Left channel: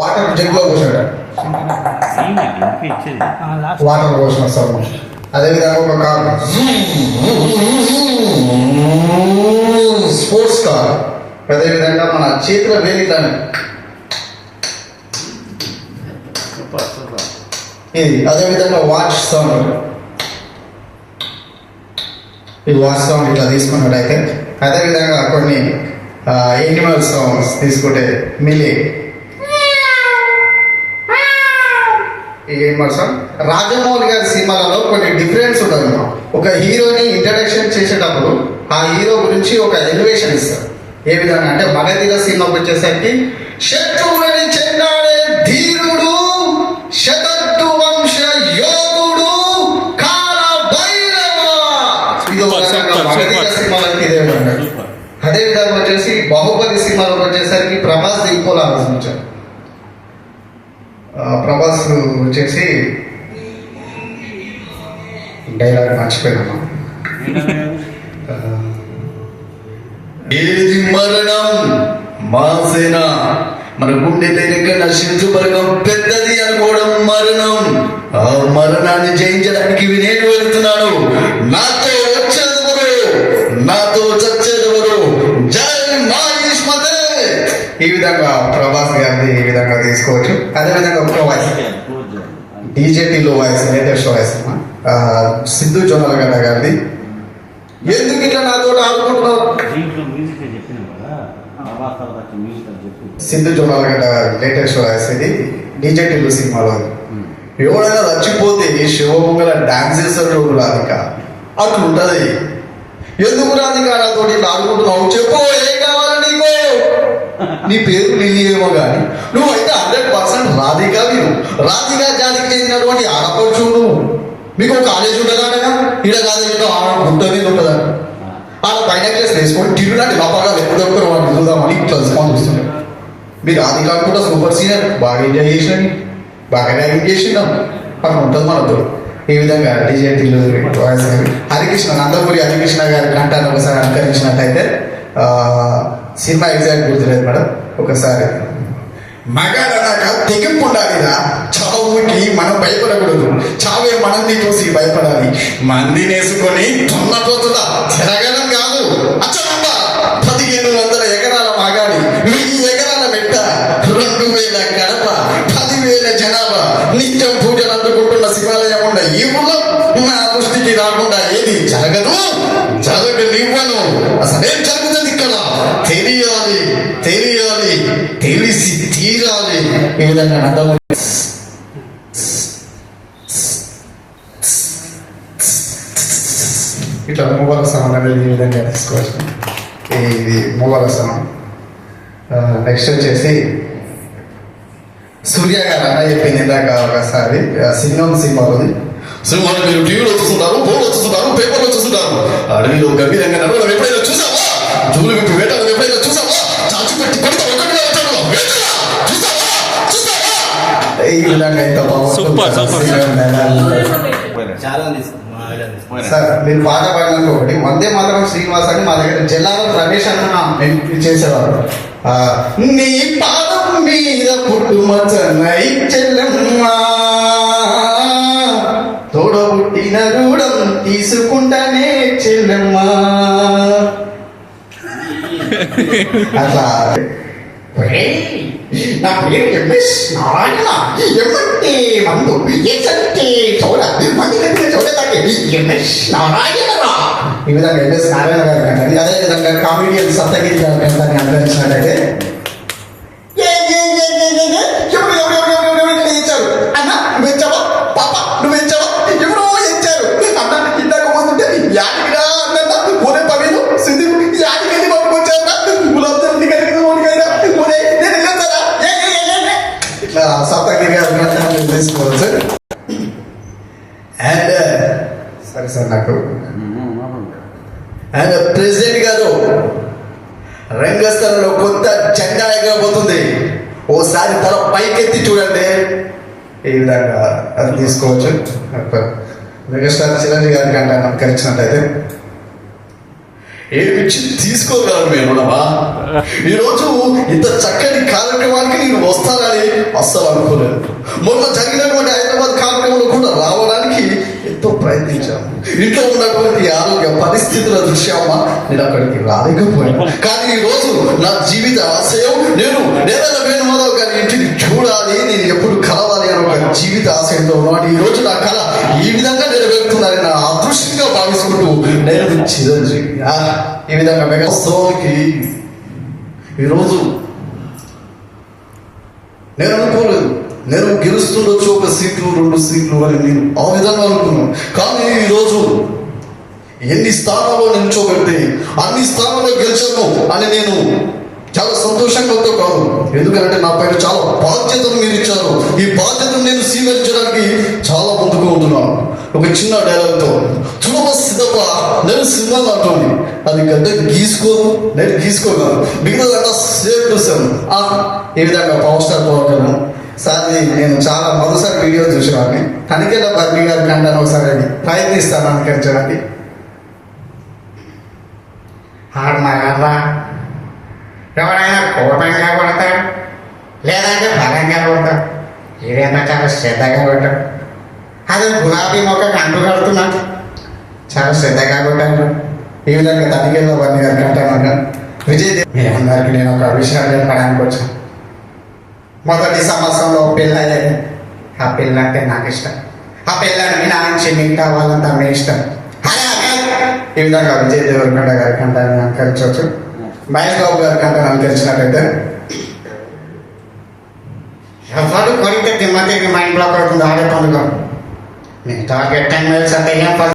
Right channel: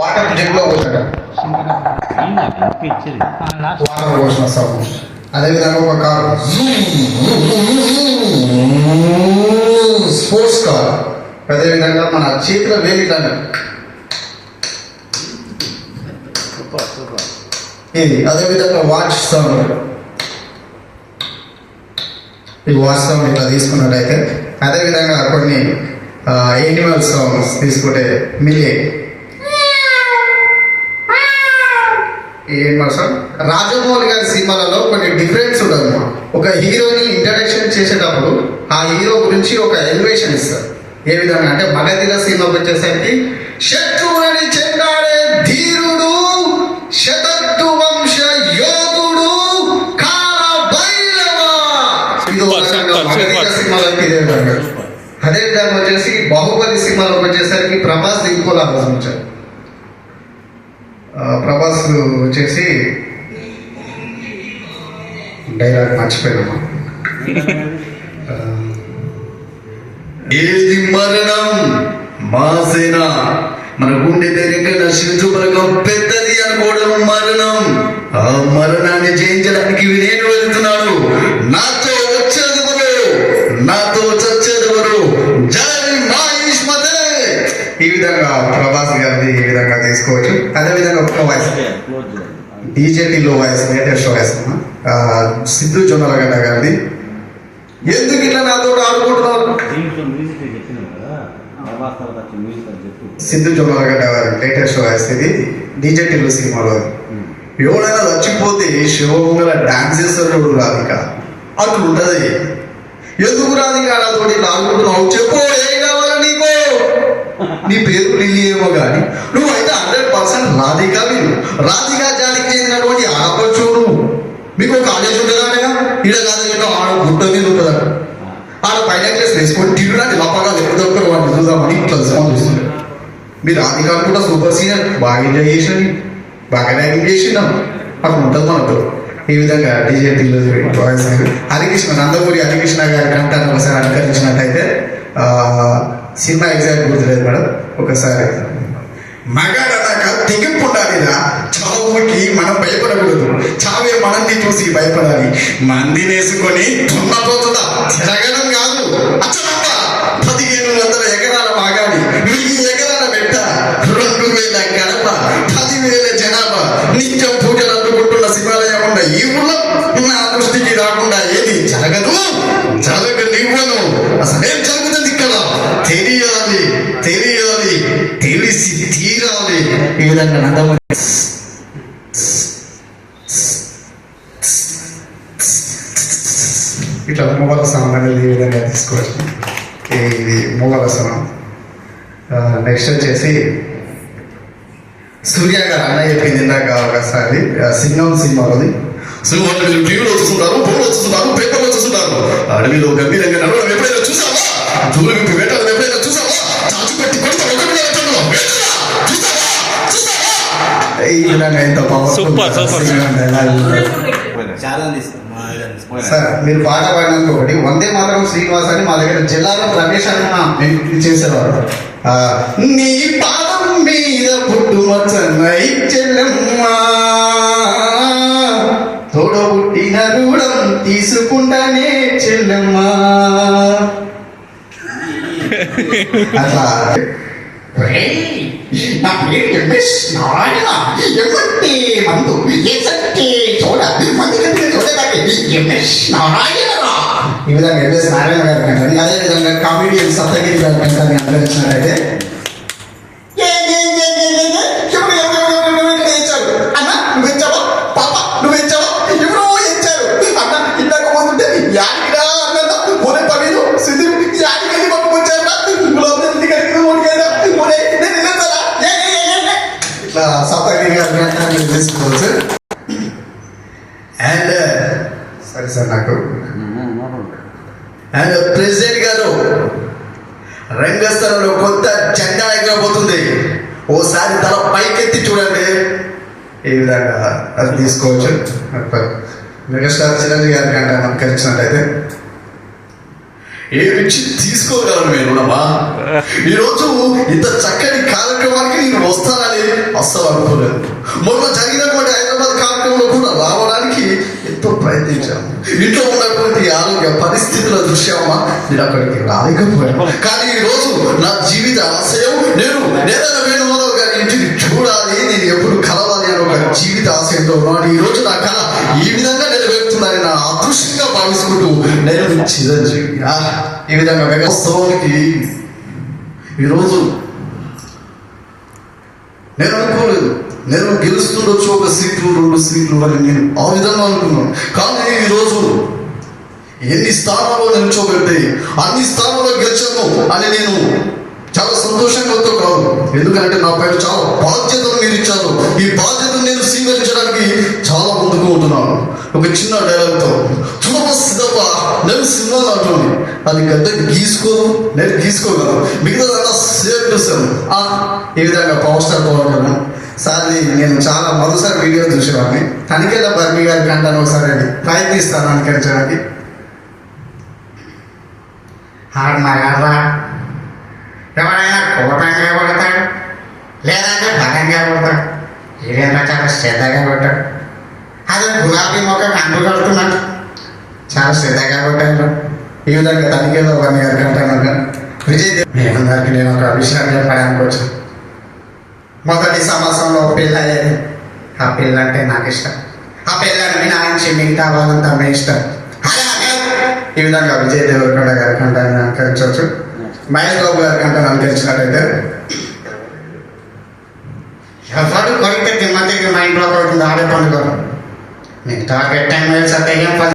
Water జగ్లో పోసాడు, water పోసిన sound. అదేవిధంగా ఒక కారు స్పోర్ట్స్ కార్, అదేవిధంగా మన చేతిలో వేలిటాను ఇది, అదేవిధంగా వాచ్ సౌండ్. ఈ వాచ్ సౌండ్ ఇట్లా తీసుకున్నట్టయితే, అదేవిధంగా కొన్ని ఎనిమల్ సౌండ్స్ తీసుకుంటే మిలి రాజమౌళి గారి సినిమాలలో కొన్ని డిఫరెన్స్ ఉంటుంది. ఒక హీరోని ఇంట్రడక్షన్ చేసేటప్పుడు ఆ హీరో గురించి ఒక ఎలివేషన్ ఇస్తారు. ఏ విధంగా అంటే మగధీర సినిమాకి వచ్చేసరికి శత్రువుని చెండాడే ధీరుడు, శతద్దు వంశ యోధుడు, కాల భైరవ. మగధీర సినిమాలోకి ఇదే విధంగా. అదే విధంగా వచ్చేసి బాహుబలి సినిమాలోకి వచ్చేసరికి ప్రభాస్ ఇంకోలా ఆలోచించారు. ప్రభాస్ వచ్చేసి డైలాగ్ మర్చిపోయినా, ఏది మరణం మాసేన, మన గుండె దగ్గర శిశు బలగం పెద్దది అనుకోవడం మరణం. ఆ మరణాన్ని జయించడానికి నేను వెళ్తున్నాను. నాతో వచ్చేదెవరు, నాతో చచ్చేదెవరు, జై మహిష్మతే. ఈ విధంగా ప్రభాస్ గారిని ఈ విధంగా తీసుకోవచ్చు. అదేవిధంగా ఒక వాయిస్ డీజేటీలో voice, latest voice Siddhu Jonnalagadda గారిది. ఎందుకు ఇట్లా నాతో ఆడుకుంటున్నావు, సిద్ధు జొన్నలగడ్డ గారి లేటెస్ట్ వాయిస్ ఇది, డీజేటీలో సినిమాలో. ఎవడైనా చచ్చిపోతే శివమంగళ డాన్స్ చేస్తారు రాధిక, అట్లుంటది. ఎందుకు రాధిక నాతో ఇట్లా ఆడుకుంటున్నావు, చెప్పు ఏం కావాలా నీకు? నీ పేరు లిల్లీ ఏమో కానీ నువ్వైతే 100% రాధిక. మీరు రాధిక జాతికి చెందినటువంటి ఆడపడుచు. నువ్వు మీకు కాలేజ్ ఉంటుందా, ఈడ కాదు గుట్ట మీద ఉంటుందా, ఆడ పైన క్లాస్ వేసుకొని తిరుగులాంటి లోపల ఎప్పుడొక్కరు వాడిని చూద్దామని ఇట్లా చూస్తుంటారు. మీరు రాధిక కూడా సూపర్ సీనియర్, బాగా ఎంజాయ్ చేసినని, బాగా ర్యాగింగ్ చేసినాం, అక్కడ ఉంటుంది మనకు. ఈ విధంగా డీజే హరికృష్ణ, నందమూరి హరికృష్ణ గారి కంటాన్ని ఒకసారి అనుకరించినట్టయితే, సినిమా ఎగ్జాక్ట్ గుర్తులేదు మేడం, ఒకసారి మగాడన్నాక తెగింపు ఉండాలిరా, చావుకి మనం భయపడకూడదు, చావే మనల్ని చూసి భయపడాలి. మంది నేసుకొని దున్నపోతుదా తిరగడం కాదు, అచ్చంత 1500 ఎకరాల మాగాలి, 1000 ఎకరాల పెట్ట, 2000 గడప, 10,000 జనాభా, నిత్యం పూజలు అందుకుంటున్న శివాలయం ఉన్న ఈ ఊళ్ళో నా దృష్టికి రాకుండా ఏది జరగదు, జరగనివ్వను. అసలేం జరుగుతుంది ఇక్కడ తెలియాలి, తెలియాలి, తెలిసి తీరాలి. ఈ విధంగా నందమూరి ఇట్లా మూగలసనం అనేది ఈ విధంగా తీసుకోవచ్చు. ఇది మూగలసనం. నెక్స్ట్ వచ్చేసి సూర్య గారు అన్న చెప్పింది ఇందాక ఒకసారి సింగం సినిమాలోది. సినిమాలు మీరు టీవీలో చూస్తుంటారు, ఫోన్లో చూస్తుంటారు, పేపర్లో చూస్తుంటారు. అడవిలో గంభీరంగా నడవడం ఎప్పుడైనా చూసావా? జూలు విప్పి వేటలు ఎప్పుడైనా చూసావా? చాచు పెట్టి కొడుకు ఈ విధంగా ఎంత సార్. మీరు పాట పాడినంత ఒకటి వందే మాత్రం శ్రీనివాస్ అని మా దగ్గర జల్లారం రమేష్ అన్న చేసేవారు. నీ పాదం మీద పుట్టుమచ్చన్నై చెల్లెమ్మా, తోడబుట్టిన రూఢం తీసుకుంటానే చెల్లెమ్మా. అట్లా నా పేరు ఎంఎస్ నారాయణ, ఎమ్మంటే మందు ఏసంటే చూడ మంది కంటే చూడదాన్ని ఎంఎస్ నారాయణ. ఈ విధంగా ఎంఎస్ నారాయణ గారు కంటే, అదే విధంగా కామెడియన్ సప్తగిరి గారి కంటే అనుకరించినట్టయితే, అన్న నువ్వు ఇచ్చావా, పాప నువ్వు ఇచ్చావా, ఎవరో ఇచ్చారు అన్న, ఇందాక పోతుంటే యాడికిరా అన్న, పోనే పవిను సిద్ధి యాడికెళ్ళి పట్టుకొచ్చారు, గులాబీ కలిగి ఓడికైనా పోనే నేను వెళ్ళేస్తారా. ఇట్లా సప్తగిరి గారు తీసుకోవచ్చు. అండ్ సరే సార్, నాకు అండ్ ప్రెసిడెంట్ గారు రంగస్థలంలో కొత్త జెండా ఎగరబోతుంది, ఓసారి తల పైకెత్తి చూడండి. ఈ విధంగా అది తీసుకోవచ్చు. మెగాస్టార్ చిరంజీవి గారి కంటే అనుకరించినట్టయితే, ఏమిచ్చి తీసుకోగలను మేము. ఈరోజు ఇంత చక్కని కార్యక్రమానికి నేను వస్తానని అనుకోలేదు. మొన్న జరిగినటువంటి హైదరాబాద్ కార్యక్రమంలో కూడా రావడానికి ఎంతో ప్రయత్నించాను. ఇంట్లో ఉన్నటువంటి ఆరోగ్య పరిస్థితుల దృశ్యమా నేను అక్కడికి రాలేకపోయాను. కానీ ఈ రోజు నా జీవిత ఆశయం నేను నేనైనా వేణుమాధవ్ గారి ఇంటిని చూడాలి, నేను ఎప్పుడు కలవాలి అని ఒక జీవిత ఆశయంతో ఉన్నాను. ఈ రోజు నా కళ ఈ విధంగా నెరవేరుతుందని నా అదృష్టంగా భావిస్తుంటూ నేను చిరంజీవి ఈ విధంగా మెగాస్టోన్కి ఈరోజు నేను అనుకోలేదు. నేను గెలుస్తుండొచ్చు 1 సీటు 2 సీట్లు అని నేను ఆ విధంగా అనుకున్నాను. కానీ ఈరోజు ఎన్ని స్థానాల్లో నిల్చోబెట్టి అన్ని స్థానాల్లో గెలిచాను అని నేను చాలా సంతోషంగా కాదు. ఎందుకంటే నా పైన చాలా బాధ్యతను మీరు ఇచ్చారు. ఈ బాధ్యతను నేను స్వీకరించడానికి చాలా ముందుకు ఉంటున్నాను. ఒక చిన్న డైలాగ్తో సిద్ధప్ప నేను సింహం అంటుంది, అది గద్ద నేను గీసుకోగలను, మిగతాదంతా సేఫ్ చూసాను. ఈ విధంగా పవర్ స్టార్ పవన్ కళ్యాణ్ సార్ని నేను చాలా మరోసారి వీడియో చూసేవాడిని. తనిఖీల బర్నీ గారికి అంటాను ఒకసారి ప్రయత్నిస్తాను అనుకరించడానికి. మగరా ఎవరైనా కోపంగా కొడతాడు, లేదంటే బలంగా కొడతాడు. ఇదేంటో చాలా శ్రద్ధగా కొట్టాడు. అది గులాబీ మొక్క అంటు కడుతున్నాడు, చాలా శ్రద్ధగా కొట్టాను. ఈ విధంగా తనిఖీలో బర్నీ గారికి అంటాను. విజయ్ మీ అందరికీ నేను ఒక విషయం చెప్పడానికి వచ్చాను. మొదటి సంవత్సరంలో పెళ్ళి అయ్యేది. ఆ పెళ్ళి అంటే నాకు ఇష్టం. ఆ పెళ్ళని మినాయించి మిగతా వాళ్ళంతా మీ ఇష్టం. ఈ విధంగా విజయ్ దేవరకొండ గారికి అంటే అనుకరించవచ్చు. మహేష్ బాబు గారికి అంటే అనుకరించినట్టయితే ఎవరు కొరితే తిమ్మతికి మైండ్ బ్లాక్ అవుతుంది. ఆడే పండుగ మిగతా పెట్టండి